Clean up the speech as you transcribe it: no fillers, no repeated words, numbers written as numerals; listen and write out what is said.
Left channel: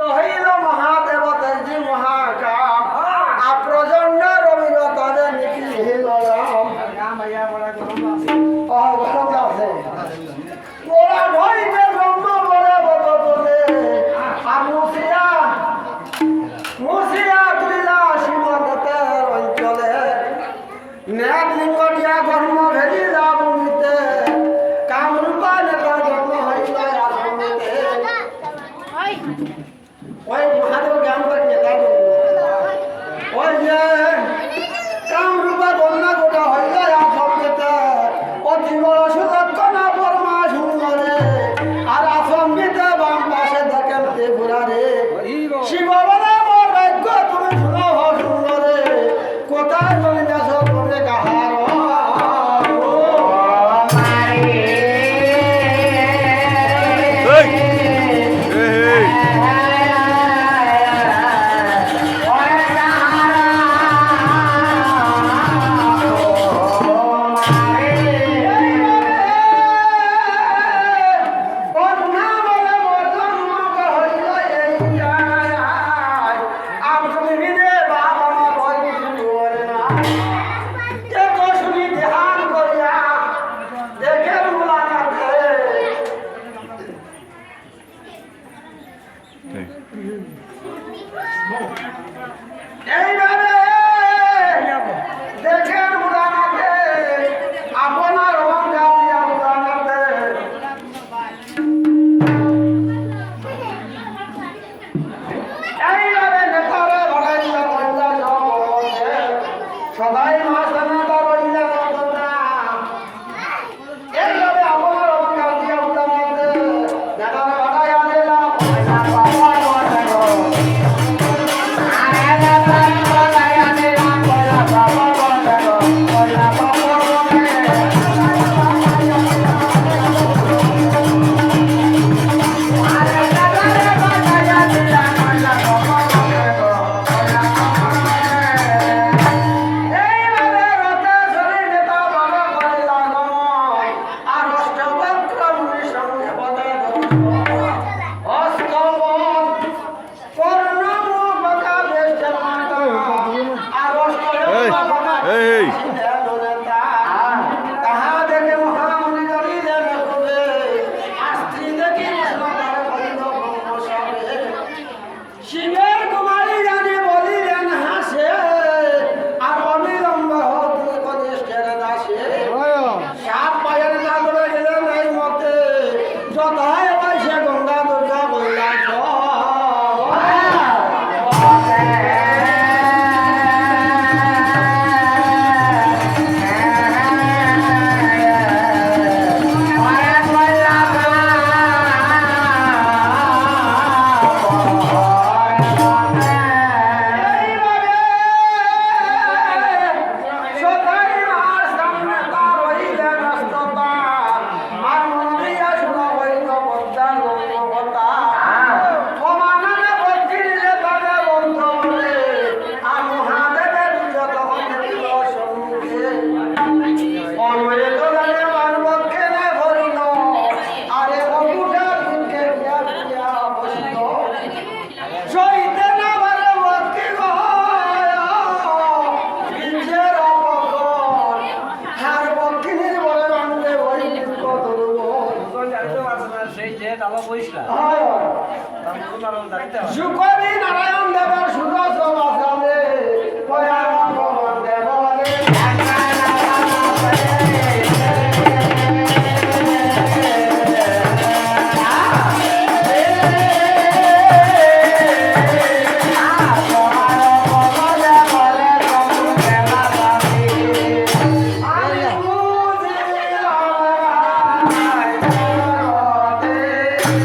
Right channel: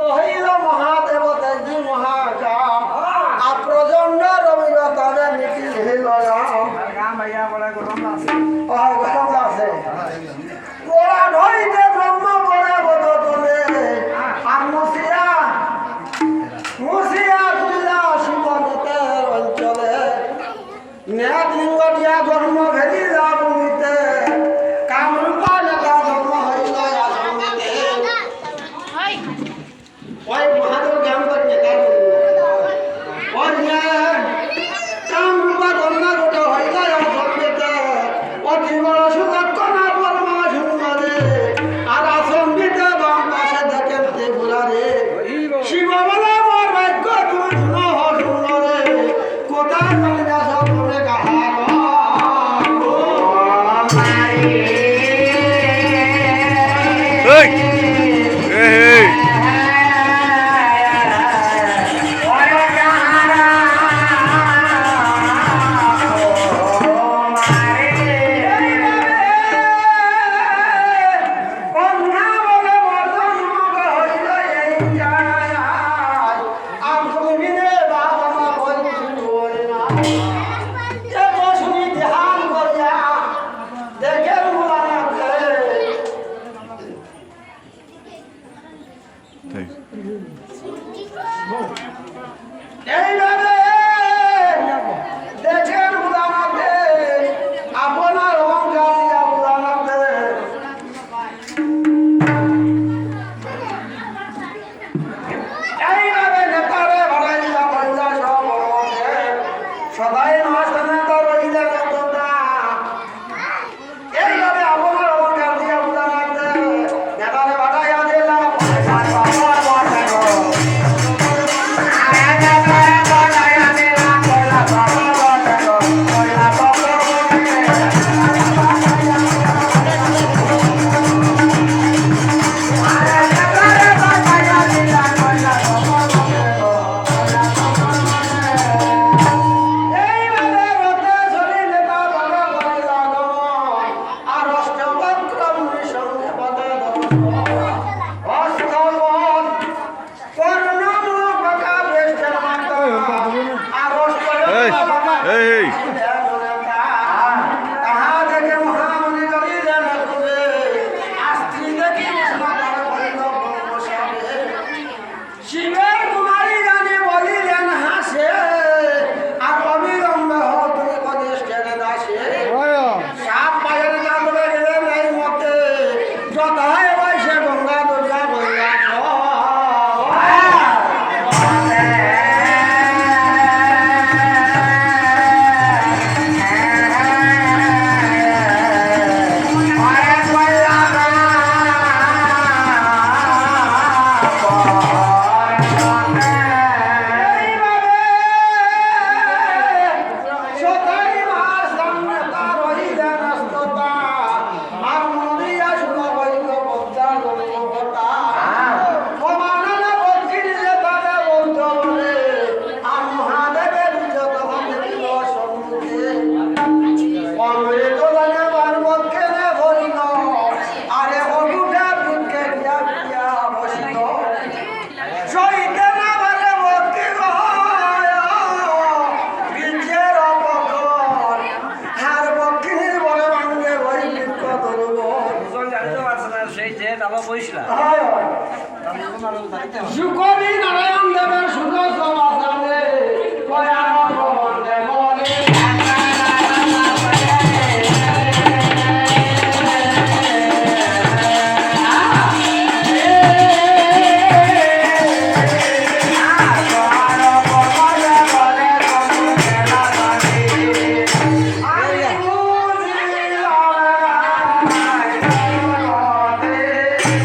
রহিল মহাদেব তেজি মহাকাম আপ্রজন্ড রবির তবে নীতি হিল গরম আছে গোড়া ধরিতে ব্রহ্ম বলে বদ তোলে আর মুসিয়া তুলিলা শিবতে অঞ্চলে নেট লিঙ্গ দিয়া কর্ম ভেলিলা ভূমিতে কামরূপা লেখা ধর্ম হইল আশ্রমিতে ওই মহাদেব জ্ঞান করে নেতা ওই যে কামরূপা ধর্ম গোটা হইল আশ্রমিতে অজীব সুলক্ষণা পরমা সুন্দরে আর আশ্রমিতে বাম পাশে দেখেন ত্রিপুরারে শিব বলে মোর ভাগ্য তুমি শুনো সুন্দরে কোথায় চলে যাস তুমি কাহার দেখেন উদানাতে আপনার অহংকারিয়া উদানাতে এইভাবে নেতারে ভাড়াইলা মহিলা সব সদাই মহাস্থানে তার রইলা নতনা এইভাবে আপনার অহংকার দিয়া উদানাতে নেতারে ভাড়াইয়া দিলা শিবের কুমারী জানি বলিলেন হাসে আর অবিলম্ব তুমি কনিষ্ঠের দাসে সাপ পায়ের না ধরে গেলেন এই মতে যথায় বয়সে গঙ্গা দুর্গা বললাম নারায়ণ দেবের সুখ